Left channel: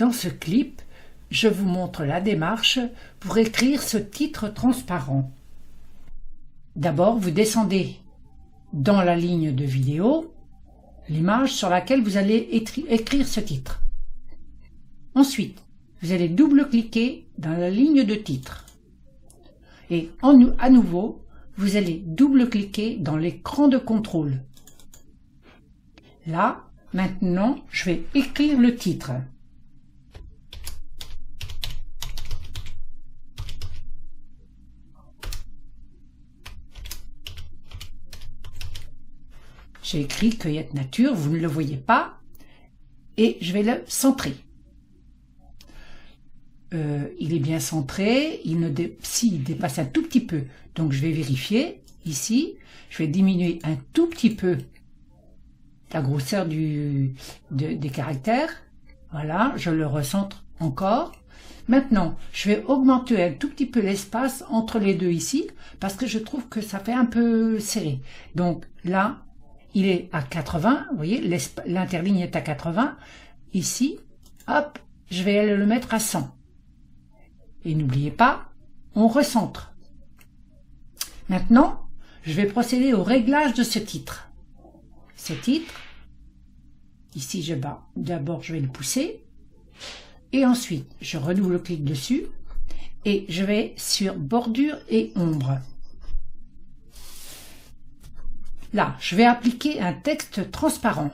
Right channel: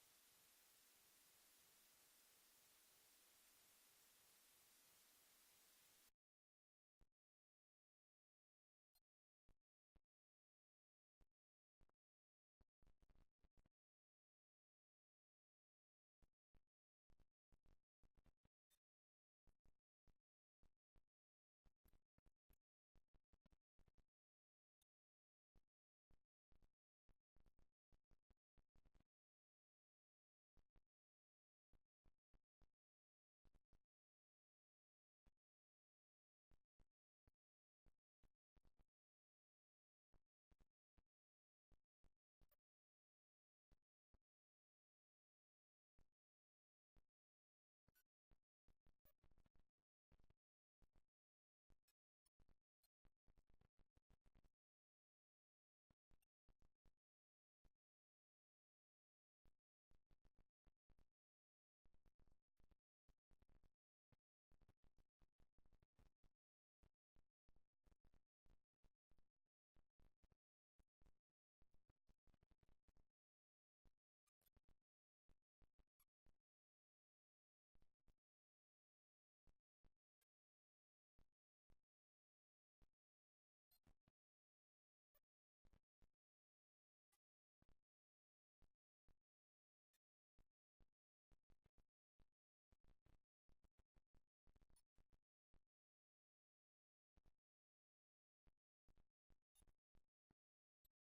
Dans ce clip, je vous montre la démarche pour écrire ce titre transparent. D'abord, vous descendez dans la ligne de vidéo, l'image sur laquelle vous allez écrire ce titre. Ensuite, vous allez double-cliquer dans la ligne de titre. Et à nouveau, vous allez double-cliquer dans l'écran de contrôle. Là, maintenant, je vais écrire le titre. J'ai écrit Cueillette Nature, vous ne le voyez pas, et je vais le centrer. Il est bien centré, s'il dépasse un tout petit peu, donc je vais vérifier ici, je vais diminuer un tout petit peu la grosseur des caractères, voilà, je le recentre encore. Maintenant, je vais augmenter un tout petit peu l'espace entre les deux ici, parce que je trouve que ça fait un peu serré. Donc là, il est à 80, vous voyez, l'interligne est à 80. Ici, hop, je vais le mettre à 100. Et n'oubliez pas, on recentre. Maintenant, je vais procéder au réglage de ce titre. Ce titre, ici, d'abord, je vais le pousser. Et ensuite, je redouble-clique dessus. Et je vais sur bordure et ombre. Là, je vais appliquer un texte transparent.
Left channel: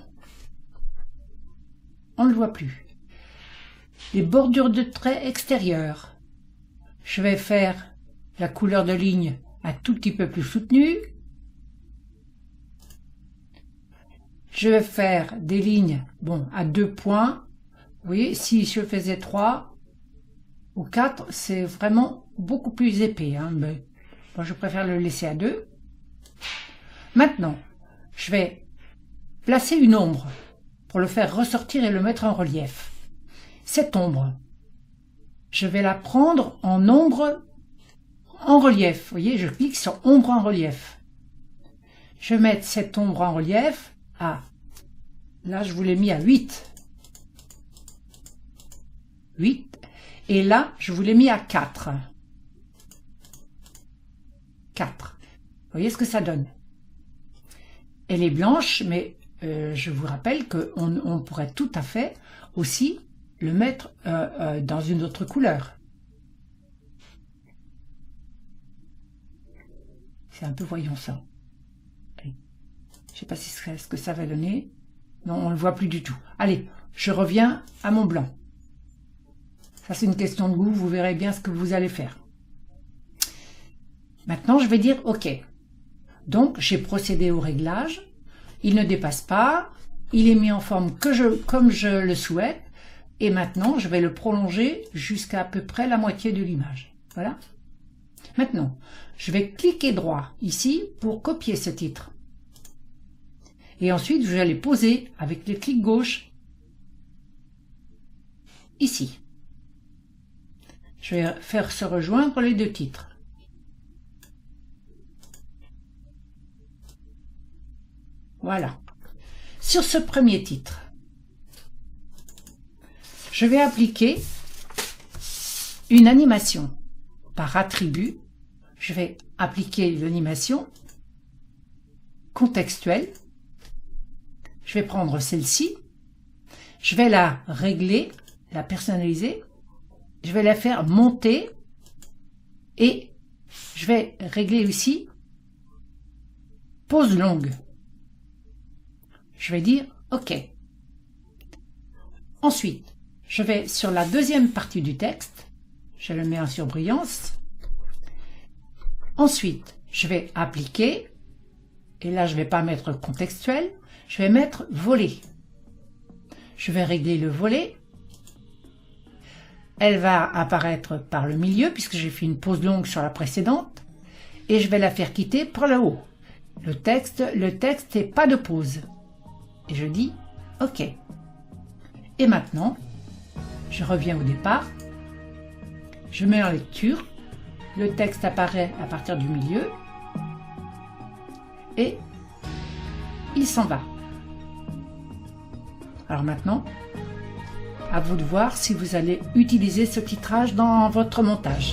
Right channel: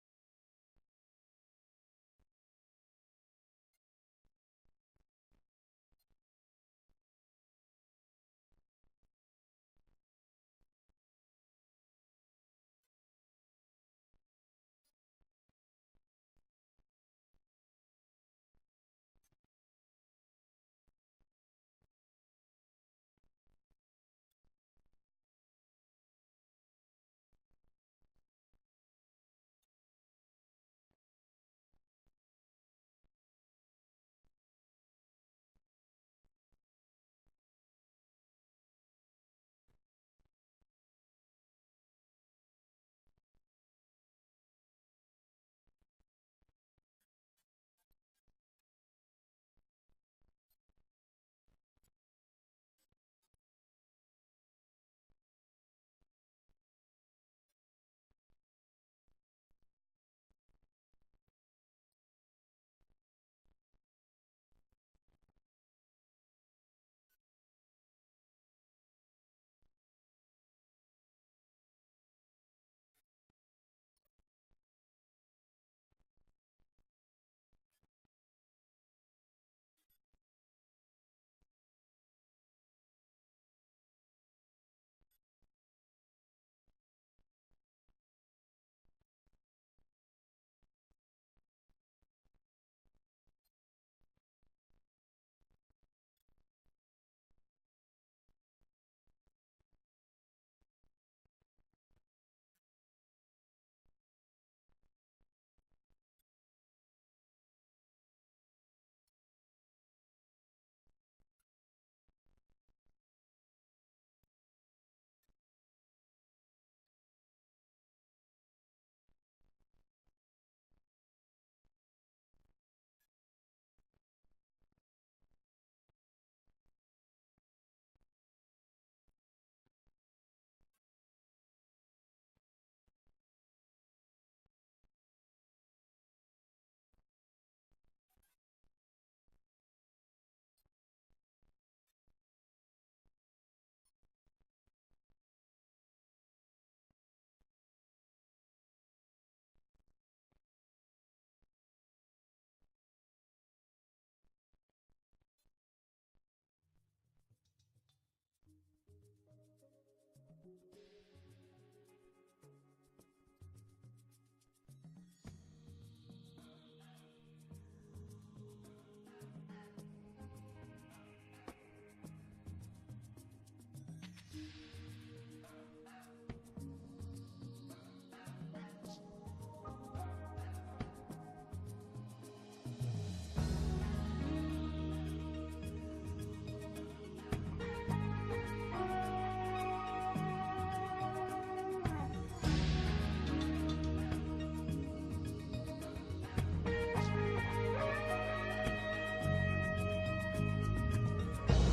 On ne le voit plus. Les bordures de traits extérieurs. Je vais faire la couleur de ligne un tout petit peu plus soutenue. Je vais faire des lignes à 2 points. Vous voyez, si je faisais 3 ou 4, c'est vraiment beaucoup plus épais. Mais moi, je préfère le laisser à 2. Maintenant, je vais placer une ombre pour le faire ressortir et le mettre en relief. Cette ombre, je vais la prendre en ombre en relief. Vous voyez, je clique sur ombre en relief. Je vais mettre cette ombre en relief à, là je vous l'ai mis à 8. 8. Et là, je vous l'ai mis à 4. 4. Vous voyez ce que ça donne? Elle est blanche, mais je vous rappelle qu'on pourrait tout à fait aussi le mettre dans une autre couleur. C'est un peu voyons ça. Je ne sais pas ce que ça va donner. Non, on ne le voit plus du tout. Allez, je reviens à mon blanc. Ça, c'est une question de goût. Vous verrez bien ce que vous allez faire. Maintenant, je vais dire OK. Donc, j'ai procédé au réglage. Il ne dépasse pas. Il est mis en forme comme je le souhaite. Et maintenant, je vais le prolonger jusqu'à peu près la moitié de l'image. Voilà. Maintenant, je vais cliquer droit ici pour copier ce titre. Et ensuite, je vais aller poser avec le clic gauche ici. Je vais faire se rejoindre les deux titres. Voilà. Sur ce premier titre, je vais appliquer une animation par attribut. Je vais appliquer l'animation contextuelle. Je vais prendre celle-ci. Je vais la régler, la personnaliser. Je vais la faire monter et je vais régler aussi pause longue. Je vais dire OK. Ensuite, je vais sur la deuxième partie du texte. Je le mets en surbrillance. Ensuite, je vais appliquer. Et là, je ne vais pas mettre contextuel. Je vais mettre volet. Je vais régler le volet. Elle va apparaître par le milieu puisque j'ai fait une pause longue sur la précédente. Et je vais la faire quitter par le haut. Le texte n'est pas de pause. Et je dis OK. Et maintenant, je reviens au départ. Je mets en lecture. Le texte apparaît à partir du milieu. Et il s'en va. Alors maintenant, À vous de voir si vous allez utiliser ce titrage dans votre montage.